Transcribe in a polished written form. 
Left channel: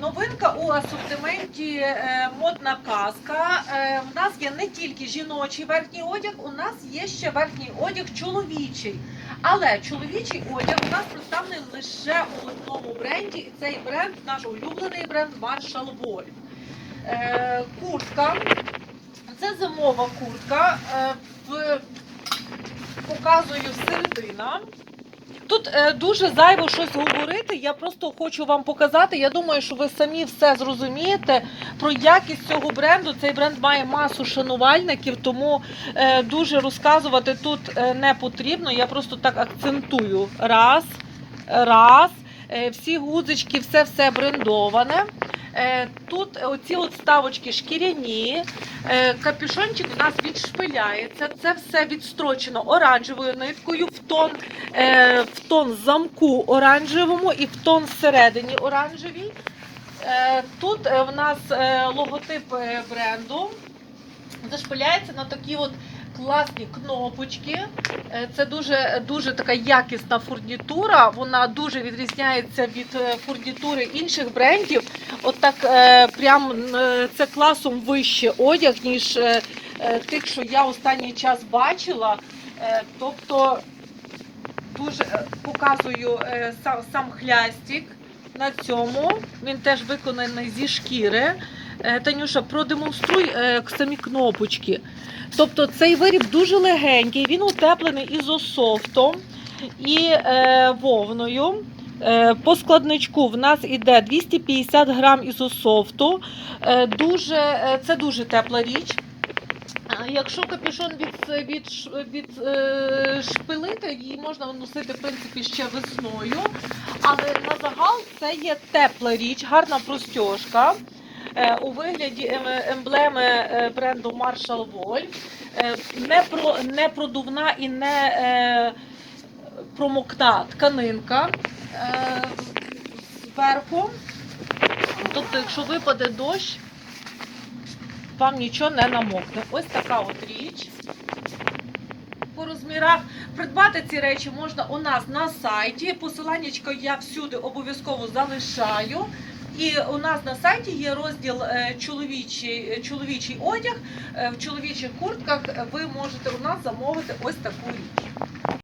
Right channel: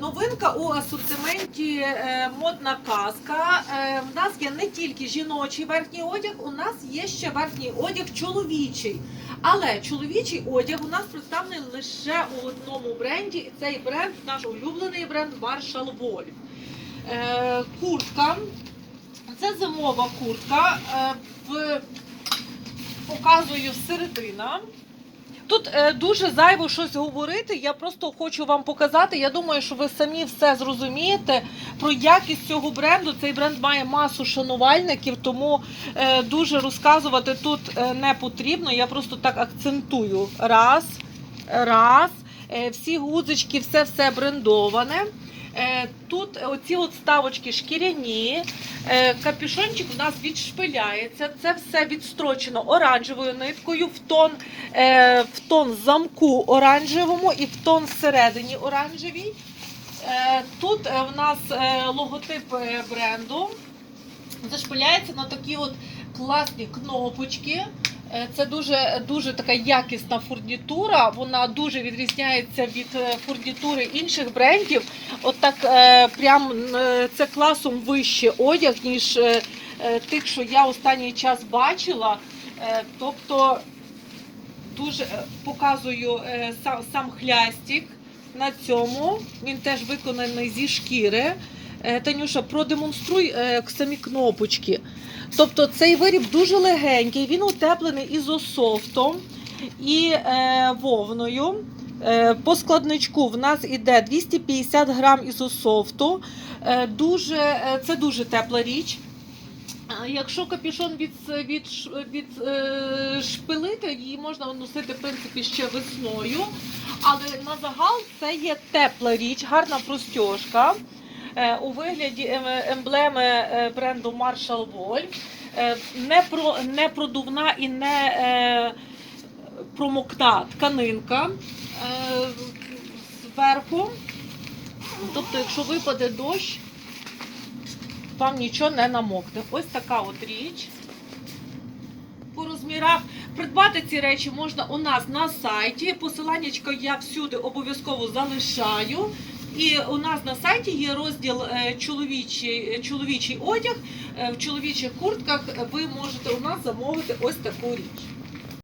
Новинка у асортименті модна казка. У нас є не тільки жіночий верхній одяг, у нас є ще верхній одяг чоловічий. Але чоловічий одяг у нас представлений лише у одному бренді. І цей бренд, наш улюблений бренд Marshall Wolf. Куртка. Це зимова куртка. Показую середина. Тут дуже зайво щось говорити, я просто хочу вам показати. Я думаю, що ви самі все зрозумієте про якість цього бренду. Цей бренд має масу шанувальників, тому дуже розказувати тут не потрібно. Я просто так акцентую. Раз. Всі гудзички, все брендоване. Тут оці от ставочки шкіряні, капюшончик у нас відшпиляється, це все відстрочено оранжевою ниткою в тон замку оранжевому і в тон всередині оранжевій. Тут в нас логотип бренду, зашпиляється на такі от класні кнопочки. Це дуже така якісна фурнітура, вона дуже відрізняється від фурнітури інших брендів. Отак прям це класом вище одяг, ніж тих, що я останній час бачила. Тобто дуже показую сам хлястик на цьому, він теж виконаний зі шкіри. Танюша, продемонструй самі кнопочки. Тобто цей виріб дуже легенький, він утеплений ізософтом і вовною. По складничку в нас іде 250 грам ізософту. Це дуже тепла річ. Якщо капюшон відшпилити, її можна носити, в принципі, ще весною. Але на загал це є тепла річ, гарна простьожка. У вигляді емблеми бренду Marshall Wolf, не продувна і не промокна тканинка зверху. Тобто, якщо випаде дощ, вам нічого не намокне. Ось така от річ. По розмірах придбати ці речі можна у нас на сайті. Посиланнячко я всюди обов'язково залишаю. І у нас на сайті є розділ чоловічий одяг. В чоловічих куртках ви можете у нас замовити ось таку річ.